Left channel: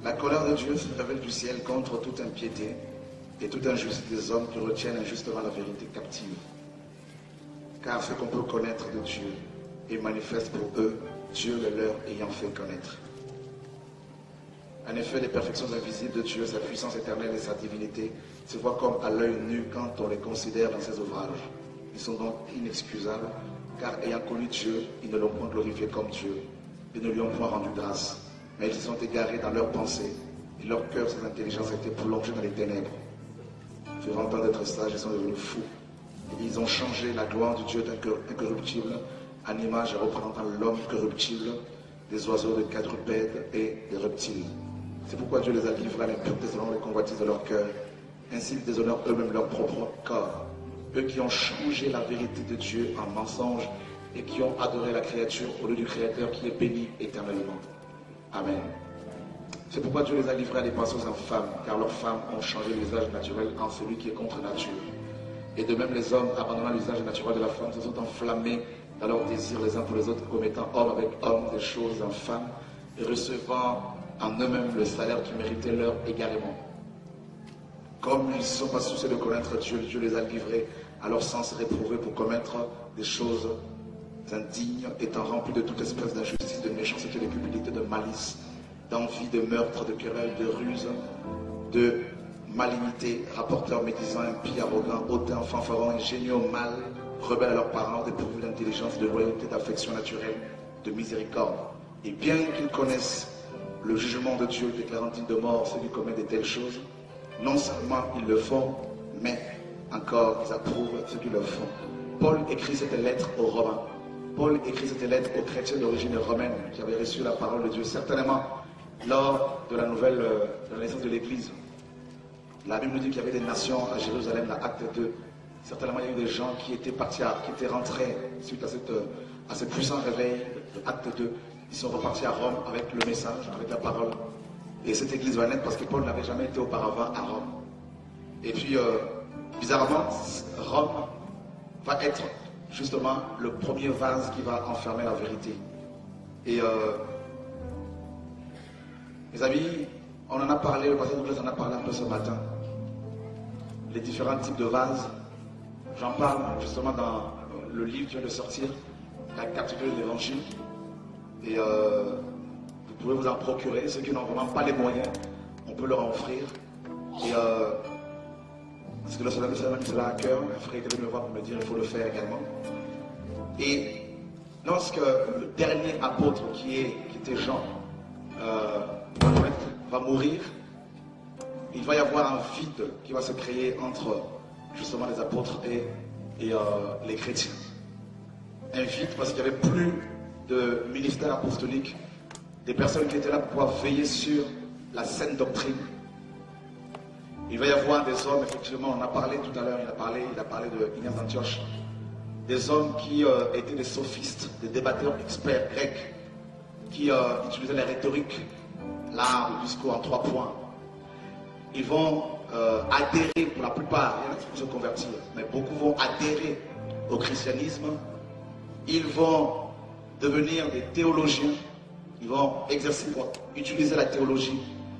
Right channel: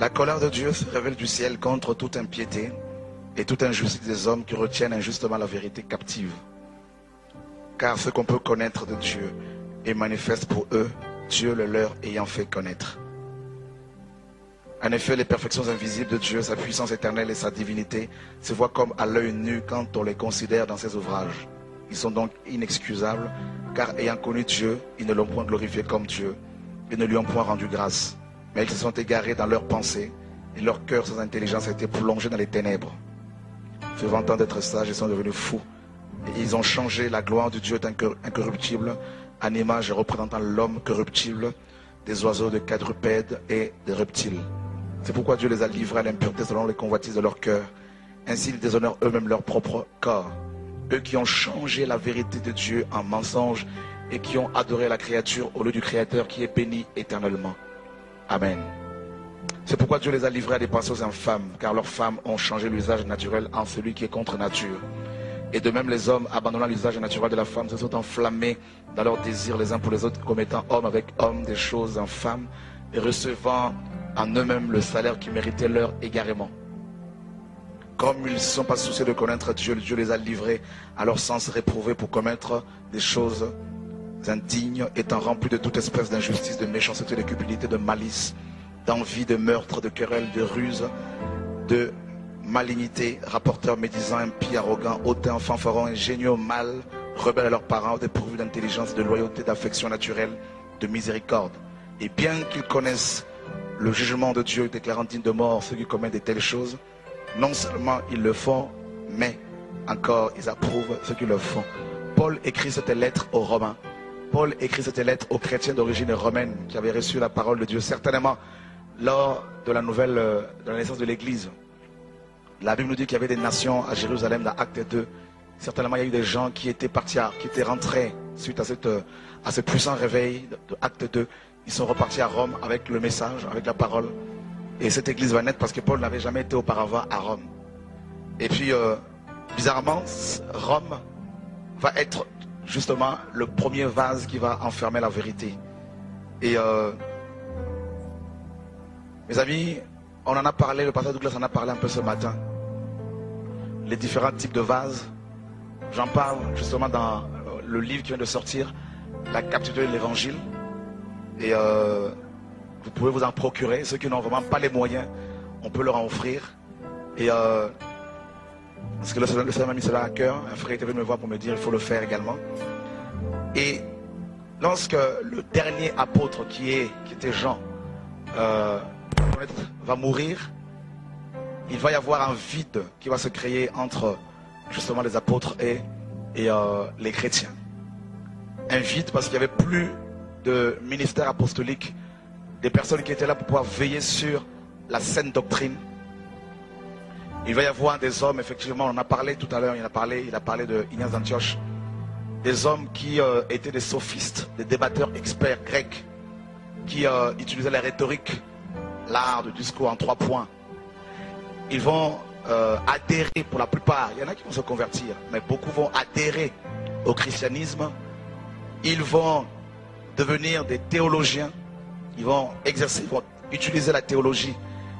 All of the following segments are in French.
La colère de Dieu se révèle du ciel contre toute impiété et toute injustice des hommes qui retiennent injustement la vérité captive. Car ce qu'on peut connaître de Dieu est manifeste pour eux, Dieu le leur ayant fait connaître. En effet, les perfections invisibles de Dieu, sa puissance éternelle et sa divinité se voient comme à l'œil nu quand on les considère dans ses ouvrages. Ils sont donc inexcusables, car ayant connu Dieu, ils ne l'ont point glorifié comme Dieu, et ne lui ont point rendu grâce. Mais ils se sont égarés dans leurs pensées, et leur cœur sans intelligence a été plongé dans les ténèbres. Se vantant d'être sages, ils sont devenus fous. Et ils ont changé la gloire du Dieu incorruptible en image représentant l'homme corruptible, des oiseaux, des quadrupèdes et des reptiles. C'est pourquoi Dieu les a livrés à l'impureté selon les convoitises de leur cœur. Ainsi, ils déshonorent eux-mêmes leur propre corps. Eux qui ont changé la vérité de Dieu en mensonge et qui ont adoré la créature au lieu du Créateur qui est béni éternellement. Amen. C'est pourquoi Dieu les a livrés à des pensées infâmes, car leurs femmes ont changé l'usage naturel en celui qui est contre nature. Et de même, les hommes, abandonnant l'usage naturel de la femme, se sont enflammés dans leurs désirs les uns pour les autres, commettant homme avec homme des choses infâmes et recevant en eux-mêmes le salaire qui méritait leur égarement. Comme ils ne se sont pas souciés de connaître Dieu, Dieu les a livrés à leur sens réprouvé pour commettre des choses indignes, étant remplis de toute espèce d'injustice, de méchanceté, de cupidité, de malice, d'envie, de meurtre, de querelle, de ruse, de malignité, rapporteurs, médisants, impies, arrogants, hautains, fanfarons, ingénieux, mal, rebelles à leurs parents, dépourvus d'intelligence, de loyauté, d'affection naturelle, de miséricorde. Et bien qu'ils connaissent le jugement de Dieu déclarant digne de mort ceux qui commettent de telles choses, non seulement ils le font, mais encore ils approuvent ceux qui le font. Paul écrit cette lettre aux Romains. Paul écrit cette lettre aux chrétiens d'origine romaine qui avaient reçu la parole de Dieu, certainement lors de la naissance de l'Église. La Bible nous dit qu'il y avait des nations à Jérusalem dans Acte 2. Certainement, il y a eu des gens qui étaient qui étaient rentrés suite à ce puissant réveil de Acte 2. Ils sont repartis à Rome avec le message, avec la parole. Et cette église va naître parce que Paul n'avait jamais été auparavant à Rome. Et puis, bizarrement, Rome va être justement le premier vase qui va enfermer la vérité. Et mes amis, on en a parlé, le pasteur Douglas en a parlé un peu ce matin. Les différents types de vases. J'en parle justement dans le livre qui vient de sortir, La captivité de l'évangile. Et vous pouvez vous en procurer. Ceux qui n'ont vraiment pas les moyens, on peut leur en offrir. Et parce que le Seigneur m'a cela à cœur, un frère était venu me voir pour me dire il faut le faire également. Et lorsque le dernier apôtre qui était Jean va mourir, il va y avoir un vide qui va se créer entre justement les apôtres et les chrétiens. Un vide parce qu'il n'y avait plus de ministère apostolique, des personnes qui étaient là pour pouvoir veiller sur la saine doctrine. Il va y avoir des hommes, effectivement, on en a parlé tout à l'heure, il a parlé de Ignace d'Antioche, des hommes qui étaient des sophistes, des débatteurs experts grecs, qui utilisaient la rhétorique, l'art, le discours en 3 points. Ils vont adhérer, pour la plupart, il y en a qui vont se convertir, mais beaucoup vont adhérer au christianisme. Ils vont devenir des théologiens, ils vont utiliser la théologie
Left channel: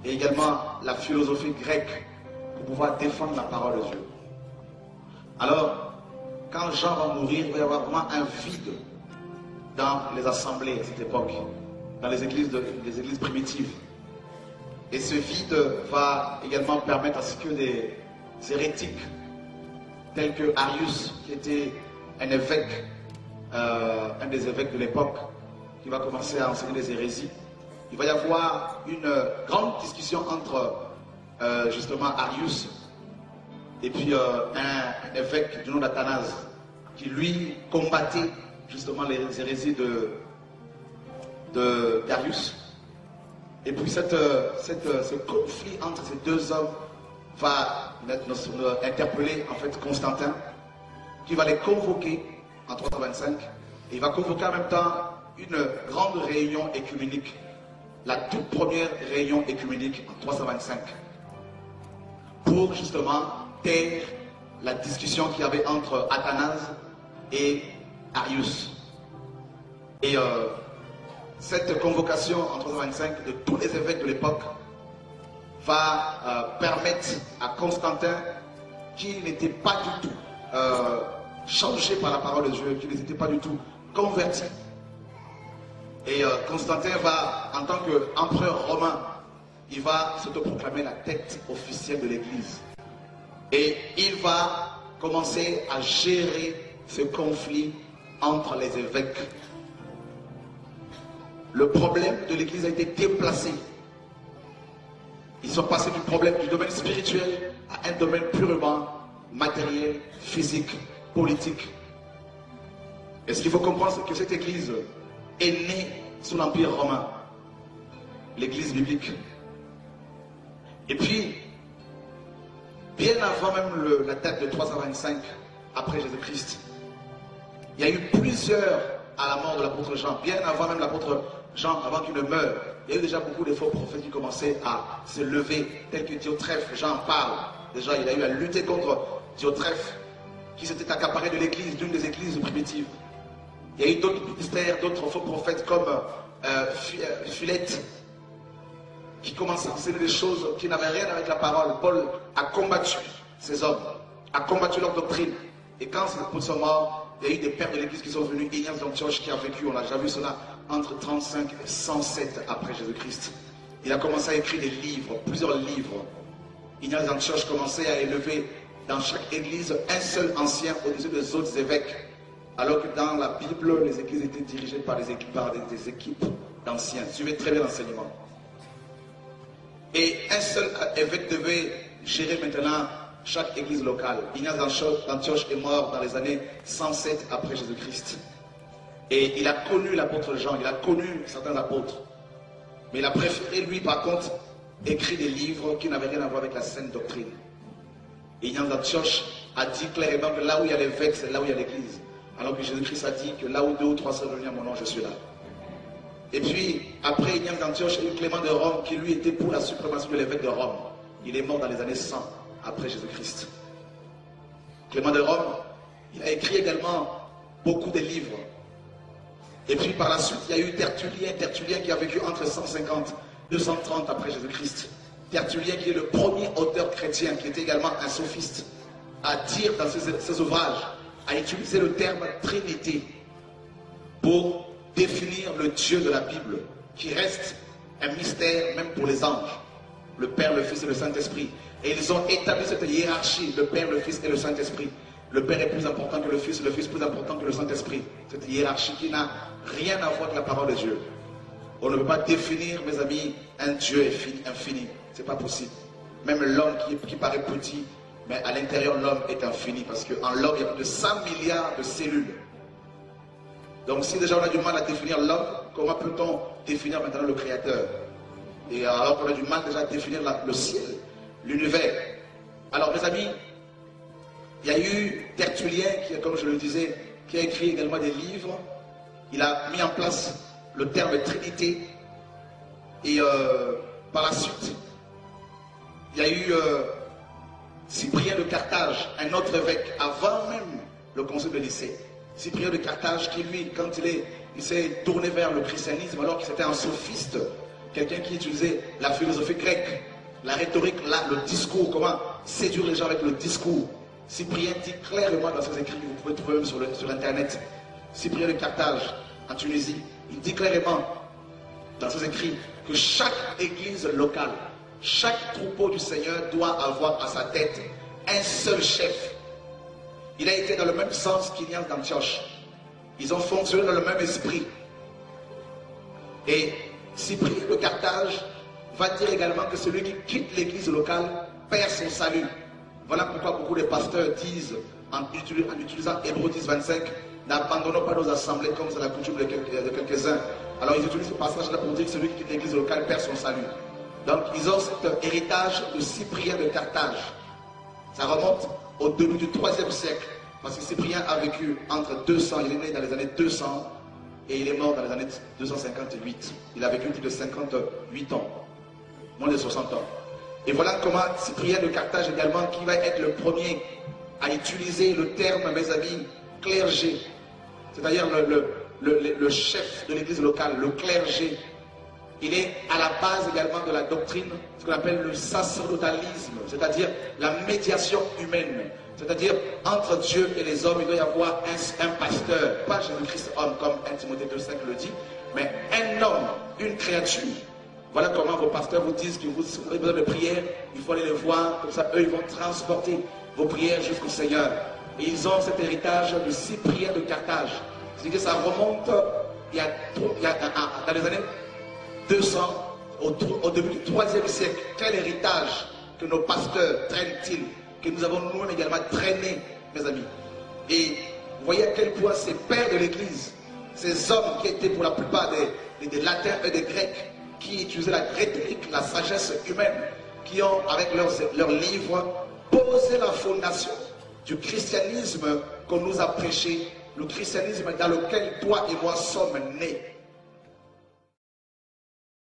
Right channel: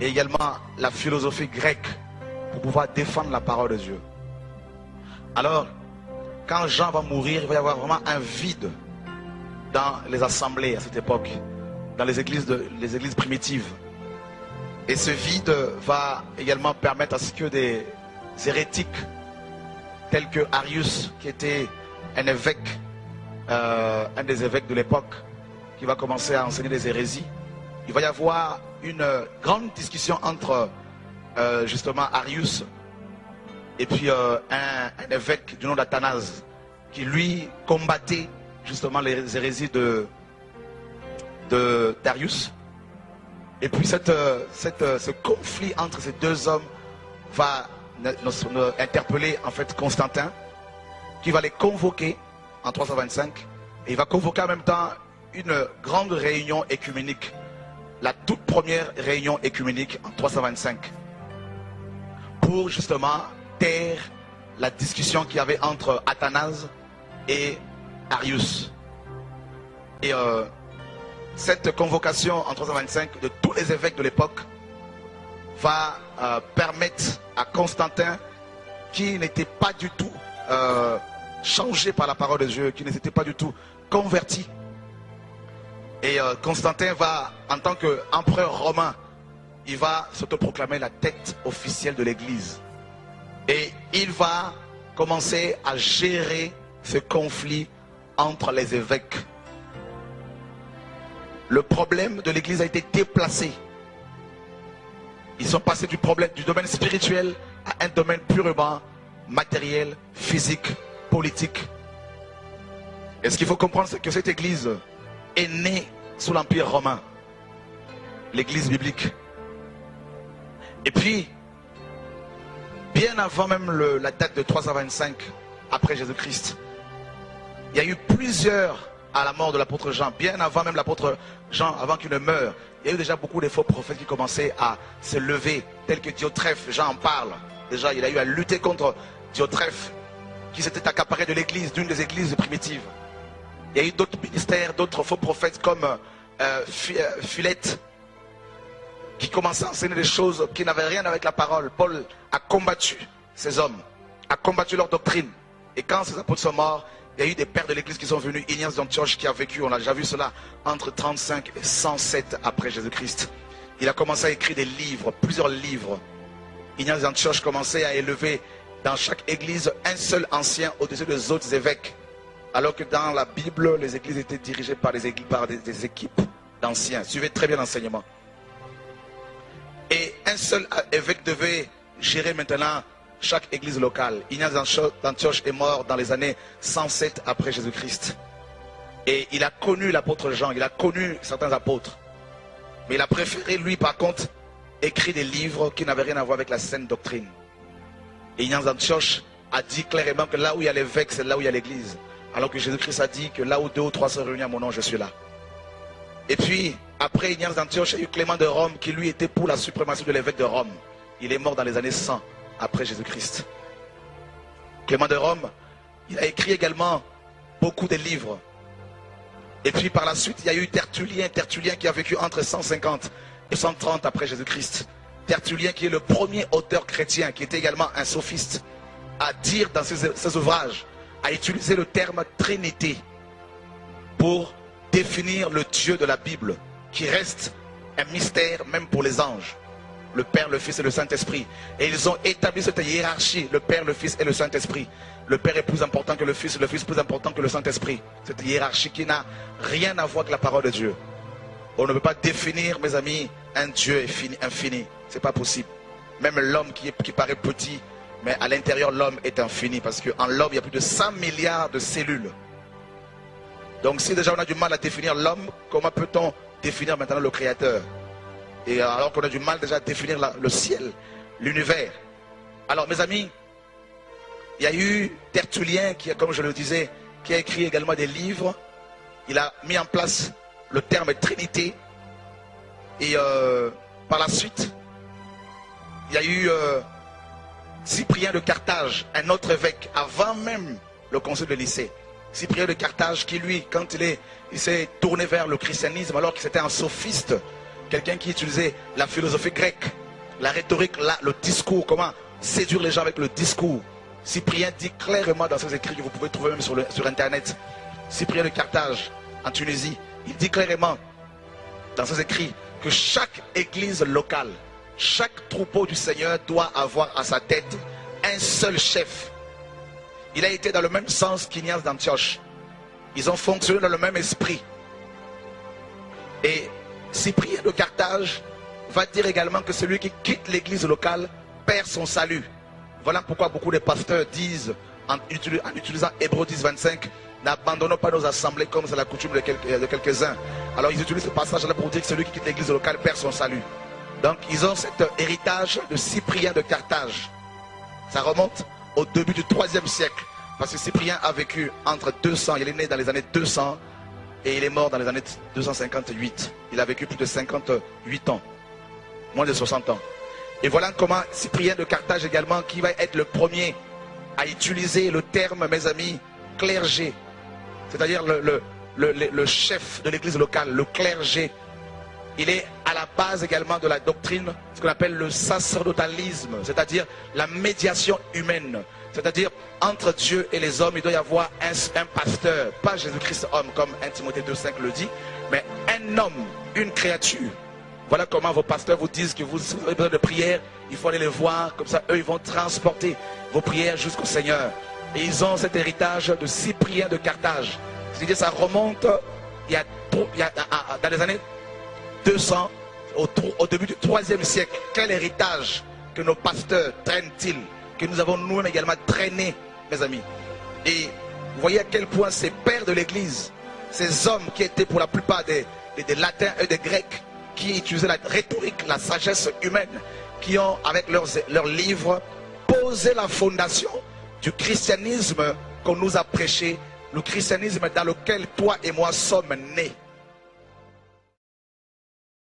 et également la philosophie grecque pour pouvoir défendre la parole de Dieu. Alors, quand Jean va mourir, il va y avoir vraiment un vide dans les assemblées à cette époque, dans les églises primitives. Et ce vide va également permettre à ce que des hérétiques tels que Arius, qui était un évêque, un des évêques de l'époque, qui va commencer à enseigner des hérésies. Il va y avoir une grande discussion entre justement Arius et puis un évêque du nom d'Athanase, qui lui combattait justement les hérésies d'Arius. Et puis ce conflit entre ces deux hommes va interpeller en fait Constantin, qui va les convoquer en 325, et il va convoquer en même temps une grande réunion écuménique, la toute première réunion écuménique en 325, pour justement taire la discussion qu'il y avait entre Athanase et Arius. Et cette convocation en 325 de tous les évêques de l'époque va permettre à Constantin, qui n'était pas du tout changé par la parole de Dieu, qui n'était pas du tout converti. Et Constantin va, en tant qu'empereur romain, il va s'autoproclamer la tête officielle de l'Église. Et il va commencer à gérer ce conflit entre les évêques. Le problème de l'Église a été déplacé. Ils sont passés du problème du domaine spirituel à un domaine purement matériel, physique, politique. Et ce qu'il faut comprendre, c'est que cette Église est née sous l'Empire romain, l'Église biblique. Et puis, bien avant même la date de 325 après Jésus-Christ, il y a eu plusieurs, à la mort de l'apôtre Jean, bien avant même l'apôtre Jean, avant qu'il ne meure, il y a eu déjà beaucoup de faux prophètes qui commençaient à se lever, tels que Diotrephe. Jean en parle. Déjà, il a eu à lutter contre Diotrephe, qui s'était accaparé de l'église, d'une des églises primitives. Il y a eu d'autres ministères, d'autres faux prophètes comme Philette, qui commençaient à enseigner des choses qui n'avaient rien avec la parole. Paul a combattu ces hommes, a combattu leur doctrine. Et quand ces apôtres sont morts, il y a eu des pères de l'église qui sont venus. Ignace d'Antioche qui a vécu, on a déjà vu cela, entre 35 et 107 après Jésus-Christ. Il a commencé à écrire des livres, plusieurs livres. Ignace d'Antioche commençait à élever dans chaque église un seul ancien au-dessus des autres évêques. Alors que dans la Bible, les églises étaient dirigées par des équipes d'anciens. Suivez très bien l'enseignement. Et un seul évêque devait gérer maintenant chaque église locale. Ignace d'Antioche est mort dans les années 107 après Jésus-Christ. Et il a connu l'apôtre Jean, il a connu certains apôtres. Mais il a préféré, lui, par contre, écrire des livres qui n'avaient rien à voir avec la sainte doctrine. Et Ignace d'Antioche a dit clairement que là où il y a l'évêque, c'est là où il y a l'église. Alors que Jésus-Christ a dit que là où 2 ou 3 sont réunis à mon nom, je suis là. Et puis, après Ignace d'Antioche, il y a eu Clément de Rome qui lui était pour la suprématie de l'évêque de Rome. Il est mort dans les années 100 après Jésus-Christ. Clément de Rome, il a écrit également beaucoup de livres. Et puis par la suite, il y a eu Tertullien qui a vécu entre 150 et 130 après Jésus-Christ. Tertullien qui est le premier auteur chrétien, qui était également un sophiste, à dire dans ses ouvrages, à utiliser le terme Trinité pour définir le Dieu de la Bible, qui reste un mystère même pour les anges. Le Père, le Fils et le Saint-Esprit. Et ils ont établi cette hiérarchie, le Père, le Fils et le Saint-Esprit. Le Père est plus important que le Fils plus important que le Saint-Esprit. Cette hiérarchie qui n'a rien à voir avec la parole de Dieu. On ne peut pas définir, mes amis, un Dieu infini. Ce n'est pas possible. Même l'homme qui paraît petit, mais à l'intérieur, l'homme est infini. Parce qu'en l'homme, il y a plus de 100 milliards de cellules. Donc si déjà on a du mal à définir l'homme, comment peut-on définir maintenant le Créateur? Et alors qu'on a du mal déjà à définir le ciel, l'univers. Alors mes amis, il y a eu Tertullien, qui, comme je le disais, qui a écrit également des livres. Il a mis en place le terme Trinité. Et par la suite, il y a eu Cyprien de Carthage, un autre évêque, avant même le concile de Nicée. Cyprien de Carthage qui lui, quand il s'est tourné vers le christianisme, alors qu'il était un sophiste, quelqu'un qui utilisait la philosophie grecque, la rhétorique, le discours, comment séduire les gens avec le discours. Cyprien dit clairement dans ses écrits que vous pouvez trouver même sur Internet, Cyprien de Carthage, en Tunisie, il dit clairement dans ses écrits que chaque église locale, chaque troupeau du Seigneur doit avoir à sa tête un seul chef. Il a été dans le même sens qu'Ignace d'Antioche. Ils ont fonctionné dans le même esprit. Et Cyprien de Carthage va dire également que celui qui quitte l'église locale perd son salut. Voilà pourquoi beaucoup de pasteurs disent, en utilisant Hébreux 10, 25, n'abandonnons pas nos assemblées comme c'est la coutume de quelques-uns. Alors ils utilisent ce passage-là pour dire que celui qui quitte l'église locale perd son salut. Donc ils ont cet héritage de Cyprien de Carthage. Ça remonte au début du 3e siècle. Parce que Cyprien a vécu entre 200, il est né dans les années 200 et il est mort dans les années 258. Il a vécu plus de 58 ans, moins de 60 ans. Et voilà comment Cyprien de Carthage également, qui va être le premier à utiliser le terme, mes amis, clergé. C'est-à-dire le chef de l'église locale, le clergé. il est à la base également de la doctrine, ce qu'on appelle le sacerdotalisme, c'est-à-dire la médiation humaine. C'est-à-dire, entre Dieu et les hommes, il doit y avoir un pasteur, pas Jésus-Christ homme comme 1 Timothée 2,5 le dit, mais un homme, une créature. Voilà comment vos pasteurs vous disent que vous avez besoin de prière, il faut aller les voir, comme ça eux ils vont transporter vos prières jusqu'au Seigneur. Et ils ont cet héritage de 6 prières de Carthage. C'est-à-dire que ça remonte dans les années 200, au début du 3e siècle. Quel héritage que nos pasteurs traînent-ils, que nous avons nous-mêmes également traîné, mes amis. Et vous voyez à quel point ces pères de l'Église, ces hommes qui étaient pour la plupart des latins et des grecs, qui utilisaient la rhétorique, la sagesse humaine, qui ont, avec leurs livres, posé la fondation du christianisme qu'on nous a prêché, le christianisme dans lequel toi et moi sommes nés.